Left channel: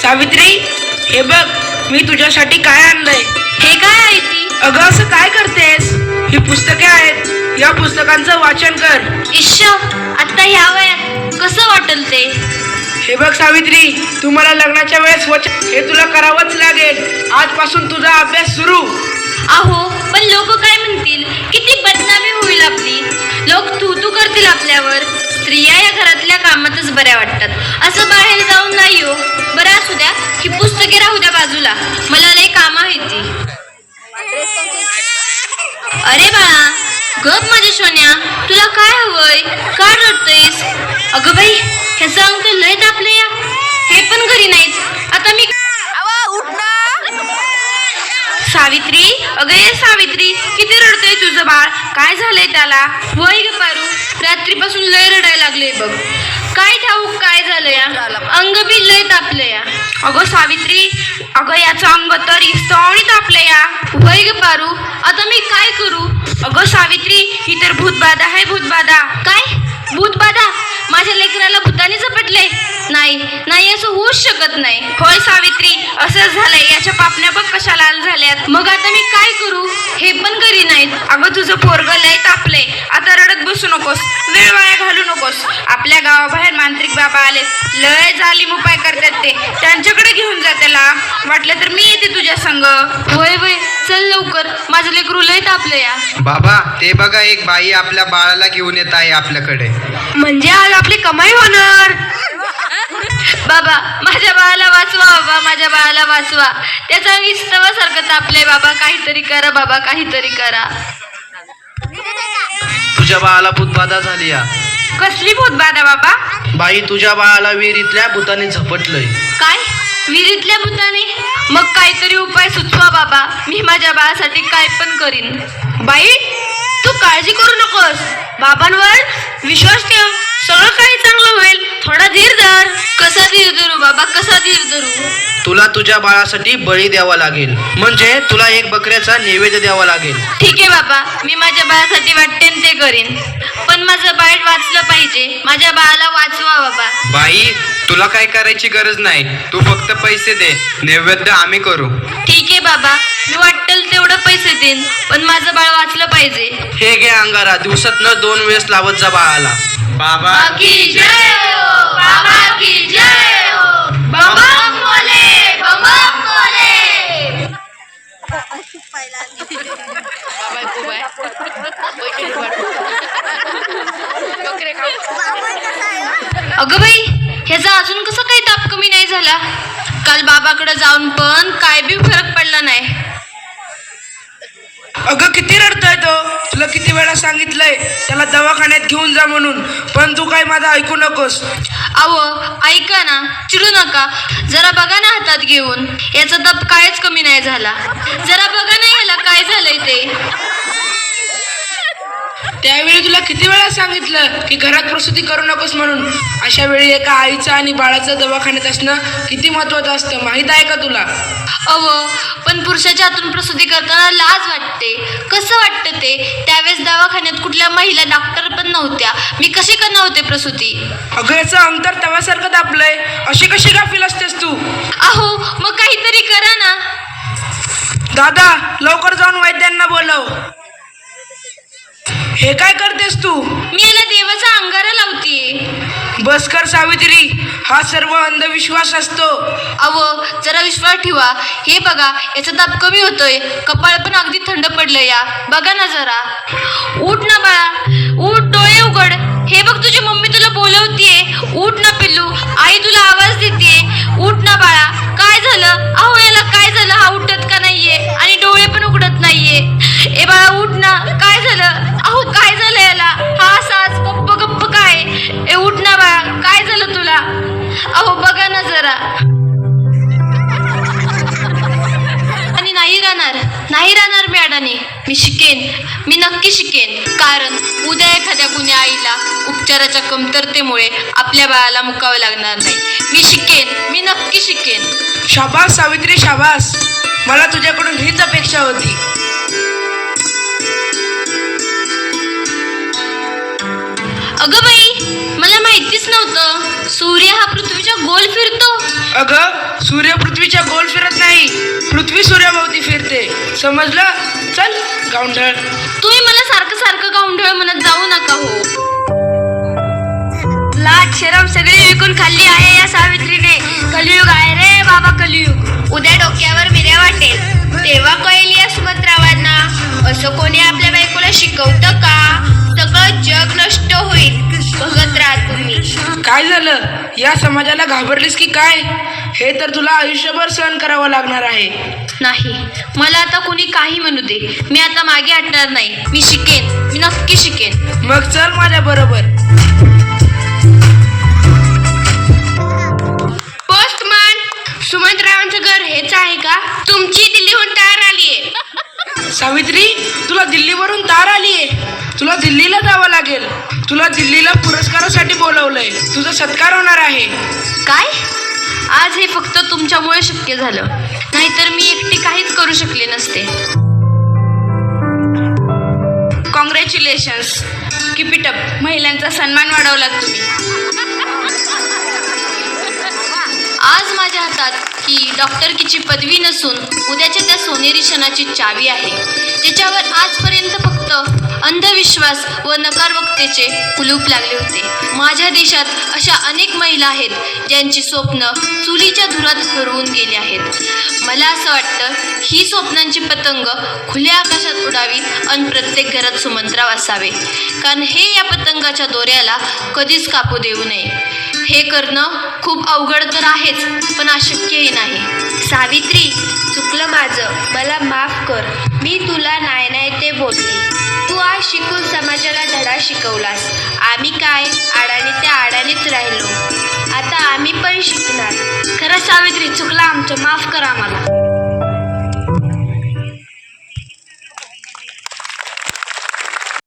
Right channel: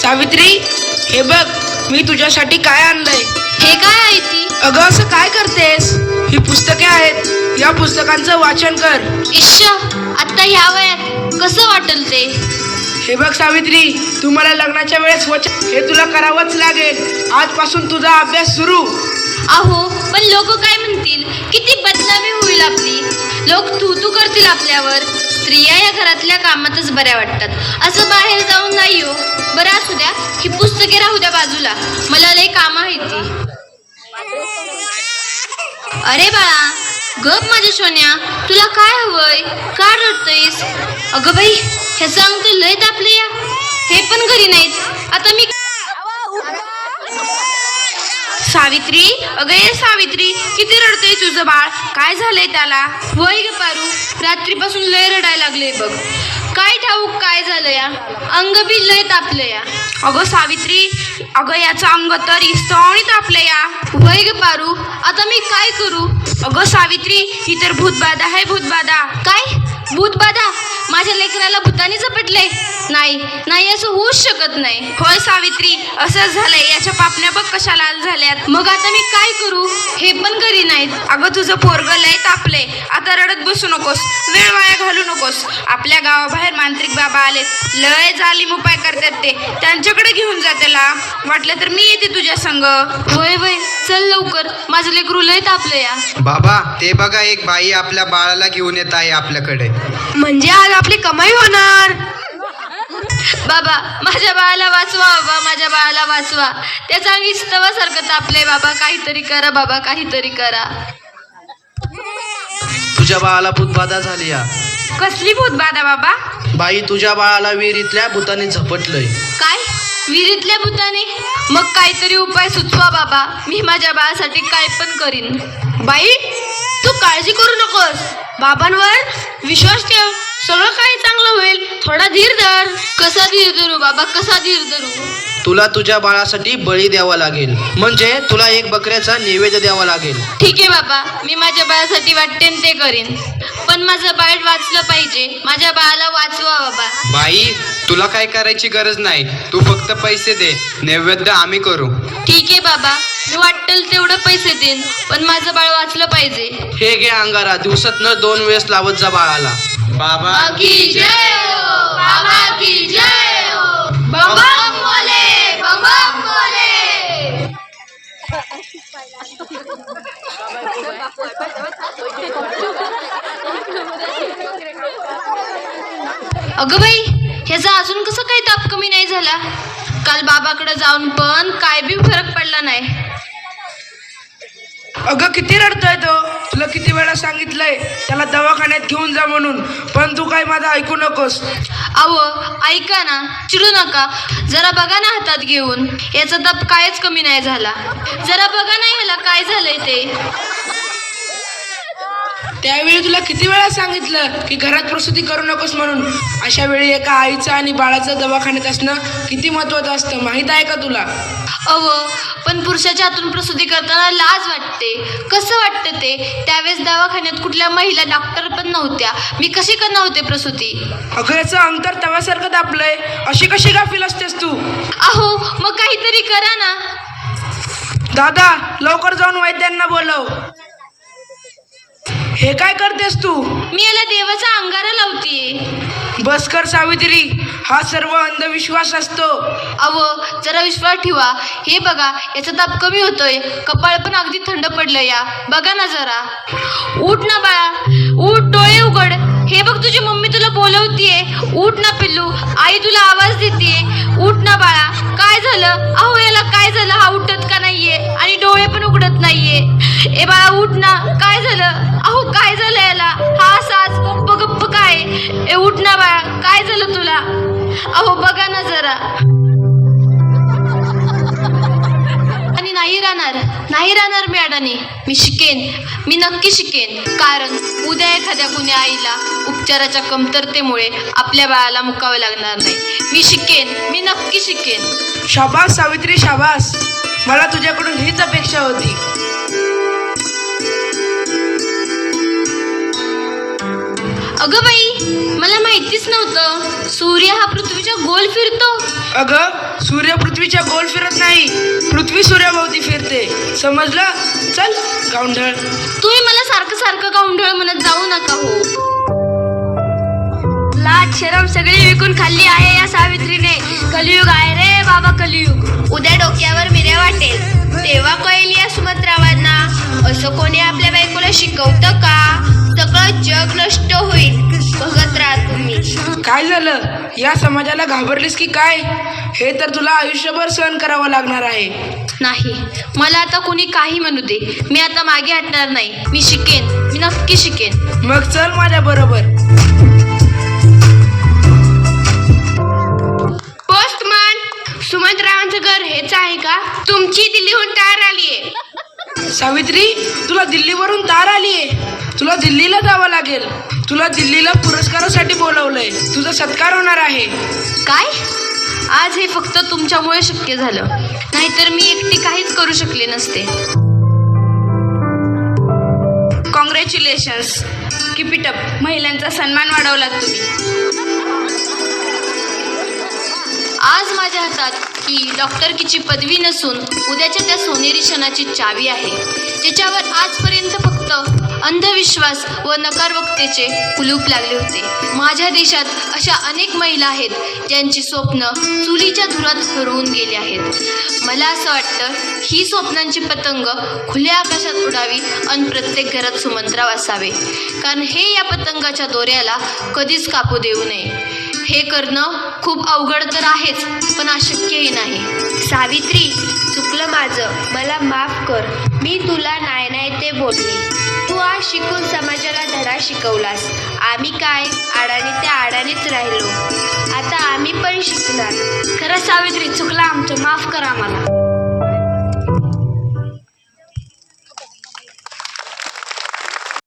सावित्री, हे बघ मी तुझ्यासाठी काय आणलंय. हे काय आहे ती? अगं असं काय करतेस? ही पुस्तके आहेत, या पुस्तकांचं वाचन कर. इश्श, आता ह्या वयात कसं वाटल ते? हे बघ सावित्री, तू मला लग्नाच्या वेळेस वचन हे तुला करावंच लागेल. आजपासून तुझा अभ्यास सुरू. अहो, पण लोक काय म्हणतील? किती बदनामी होईल आपली. लोक तू करतील आपल्यावर. स्त्रिया या घरातल्या कामातच बऱ्या वाटतात, असं बाहेर जाऊन नाही हो. बरं असू द्या, ही पुस्तके राहू द्या बाजूला, मला लय काम आहे ती. अरे बाळा, गप माझ्या सोन्या, तुला काय हवंय? का रडतोयस? अगं बाई, ह्याचं अंग तर लय तापले या. हे पण घरी नाहीत. आता मी सावित्री, अगं ये सावित्री, किती रडतोय तुझं बाळ? काय झालंय त्याला? वय ग पारू, रात्रीपासून लय रडायला लागले बघ. काय ठाऊक काय झालं या? अंग बी लय तापलं या. अगं सावित्री, अगं याचं अंग तर इस्तवणी तापलं या. वय ग पारू, आता मी काय करू? अगं सावित्री, ही तर भूतबाधा आहे, भूतबाधा. काय भूतबाधा? माझ्या लेकराला भूताने झपटले? नाही नाही, असं होऊच शकत नाही. होय सावित्री, असंच झालंय. याच्या पापण्या बघ कशा लाल झाल्यात. मग आता मी काय करू? हे पण घरी नाहीत. अगं तुझं पोरग लय तापलंय. आता रडत बसू नकोस, वेळ वाया घालू नकोस. आपल्या गावाबाहेर मांत्रिक बाबा आले, लय जालीम उपाय करतात ते. त्यांच्याकडे घेऊन जा त्याला. वाटलं तर मी येते तुझ्या संग. होय वय, चल लवकर, माझं लेकरू लय तापलं या. बाबा, ते बघा, एक बाई आपल्या बाळाला घेऊन येत आहे आपल्याकडे. म्हणजे आज आपली कमाई होणार. बाबा, माझ्या बाळाला वाचवा. बाबा, माझ्या बाळाला वाचवा. त्याचा विस्तवासारखं तापले. बाबा, काहीतरी करा. बाबा, काहीतरी करा. तुझ्या बाळाला भूतबाधा झाली या. कसली भूतबाधा बाबा? बाई, तुझ्या बाळाला विहिरीतल्या भूताने झपटलंय. काय? विहिरीतल्या भूताने? मग काहीतरी उपाय सुचवा बाबा. मी माझ्या बाळासाठी काय पण करीन. बाई, तू काळजी करू नकोस. बाबांवर विश्वास ठेव, सगळं काही चांगलं होईल. थोडा धीर धर. कसा धीर धरू बाबा, कसा धीर धरू? तुला तुझ्या बाळासाठी बळी द्यावा लागेल. म्हणजे तुला एक बकऱ्याचा नैवेद्य द्यावा लागेल. ठीक आहे बाबा, मी माझ्या बाळासाठी वाटते ते करीन. पण माझं बाळ वाचलं पाहिजे. माझ्या बाळाला वाचवा बाबा. बाई, तुला काय करायची गरज नाही. तू फक्त पैसे दे, नैवेद्य आम्ही करू. ठीक आहे बाबा, मी वाटेल तेवढं पैसे देईन, पण माझं बाळ वाचलं पाहिजे. हे घे अंगारा, दिवसातनं 2 वेळेस लावत जा बाळाला. बाबा की जय हो, बाबा की जय हो. बंबम बोले, बंबम बोले. अगं बाई, ह्याचा अजून कसं काही ताप कमी नाही झाला? काल बाबाकडे जाऊन पण काय बी फरक पडला नाही. अगं किती रडतोय तो. तुला किती वेळा सांगितलंय त्याला दवाखान्यात घेऊन जा म्हणून, पण तू काय माझं ऐकू नकोस. अहो ऐका ना, चिडू नका. जरा बघा ना हातात घेऊन. याचा ताप कायच कमी नाही झाला. जरा बघा ना याला काय झालंय ते. त्यावेळी तुला किती वेळा सांगितलं की घरात प्रसूती करू नकोस म्हणून. अशा वेळी एका आईचं आणि बाळाचं दवाखान्यात असणं किती महत्वाचं असतं, माहित आहे का तुला? अहो, पण पुरुषाच्या हातून प्रसूती करताना लाज वाटते. कसं वाटतं ते? त्यावेळेस दवाखान्यात कुठल्या महिला डॉक्टर पण नव्हत्या. मी कशी करणार होते प्रसूती? अगं याचं अंतर तव्यासारखं दाबलंय. अशी कशी गाफील असतेस तू? अहो, मग काहीतरी करा ना. दादा, लवकर जाऊन वैद्यांना बोलव. हे काय करतेस तू? मी याला देवाचा अंगारा लावतीये. बस कर सावित्री, हा सर्व अंधविश्वास असतो. अहो, जरा विश्वास ठेवा. हे बघा, याचा ताप कमी होतोय. कपाळ पण अगदी थंड पडलं या. बघा ना जरा. उठ ना बाळा, उठ, डोळे उघड. हे बघ, तुझी मम्मी तुला बोलवतीये. उठ ना पिल्लू, आई तुला आवाज देतीये. उठ ना बाळा. काय झालं? अहो, याला काय झालं? हा उठत का नाहीये आणि डोळे पण उघडत नाहीये. ए बाळा, उठ ना. काय झालं? अहो, काय झालं याला? हा सास गप्प गप्प काय? ए उठ ना बाळा, काय झालं तुला? अहो बघा ना जरा. आणि नाही राहणार मी अडाणी. मी शिकेन, मी नक्की शिकेन. कारण उद्या एखाद्या कुण्या आईला उपचाराच्या कमतरतेमुळे आपल्या बाळाला मुकावे लागणार नाही. मी शिकेन, मी नक्की शिकेन. शाबास सावित्री, शाबास. मला तुझ्याकडून हीच अपेक्षा होती. अगं बाई, मला माहितीच नव्हतं सूर्य हा पृथ्वीच्या गोल फिरतो. अगं सूर्य पृथ्वीच्या गोल फिरत नाही, पृथ्वी सूर्याभोवती फिरते. समजलं? चल गावंढळ. तुम्ही मला सारखं सारखं गावंढळ म्हणत जाऊ नका हो. लाज शरम सगळी विकून खाल्ली आहे या सावित्रीने. कलियुग आहे रे बाबा, कलियुग. उद्या डोक्यावर मिऱ्या वाटेल तेव्हा कळेल या सुभद्रावांना. असं कोणी आपल्या बायकोला शिकवतं का? सगळं जग नष्ट होईल. बघत राहा तुम्ही. काय झालं? या समाजाला घाबरलीस की काय? हे तर तुला आयुष्यभर सहन करावं लागणार आहे. नाही, मला आता कोणी काही म्हणू दे, मी आता मागे हटणार नाही. मी शिकेन, मी नक्की शिकेन. मग चल माझ्या बरोबर. पोस्टमन, सुमंतरावांचं घर हेच आहे का? तुमची दिल्लीहून तयार आलीये. सावित्री, तुला दिल्लीवरून तार आलीये. तुला दिल्लीला जावं लागेल. तुला दिल्लीला पुरस्कारासाठी बोलवलंय. तुझा सत्कार होणार आहे. काय? आज हे फक्त तुमच्यामुळे शक्य झालं, नाहीतर मी एकटी काहीच करू शकले नसते. Congratulations, keep it up. महिलांचा सन्मान वाढवलात तुम्ही. आज माझ्या हातात ही डॉक्टरकीची पदवी नसून उद्याच्या त्या सोनेरी क्षणाची चावी आहे, ज्याच्यावर आजपर्यंत फक्त अंधविश्वास व नकारवक्तेचे कुलूप लागले होते. माझ्या देशात अशा अनेक महिला आहेत ज्यांची स्वप्न चुलीच्या धुरात हरवून गेली आहेत. मला असं वाटतं ही स्वप्नांची पतंग खुल्या आकाशात उडावी आणि प्रत्येक घरात सुमंतराव असावे, कारण हे या पतंगाच्या दोऱ्याला कधीच कापू देऊ नये. हे करणं खूप अवघड तर आहेच, पण अशक्यही नाही. सावित्री, चुकलं माझं, मला माफ कर. मी तुला नाही नाही ते बोलले. तू आज शिकून समाजाला धडा शिकवलास. आम्ही काय आडाने त्या आडानेच राहिलो. आता आम्ही पण शिकणार. खरं सावित्री, चुकलं आमचं, माफ करा आम्हाला.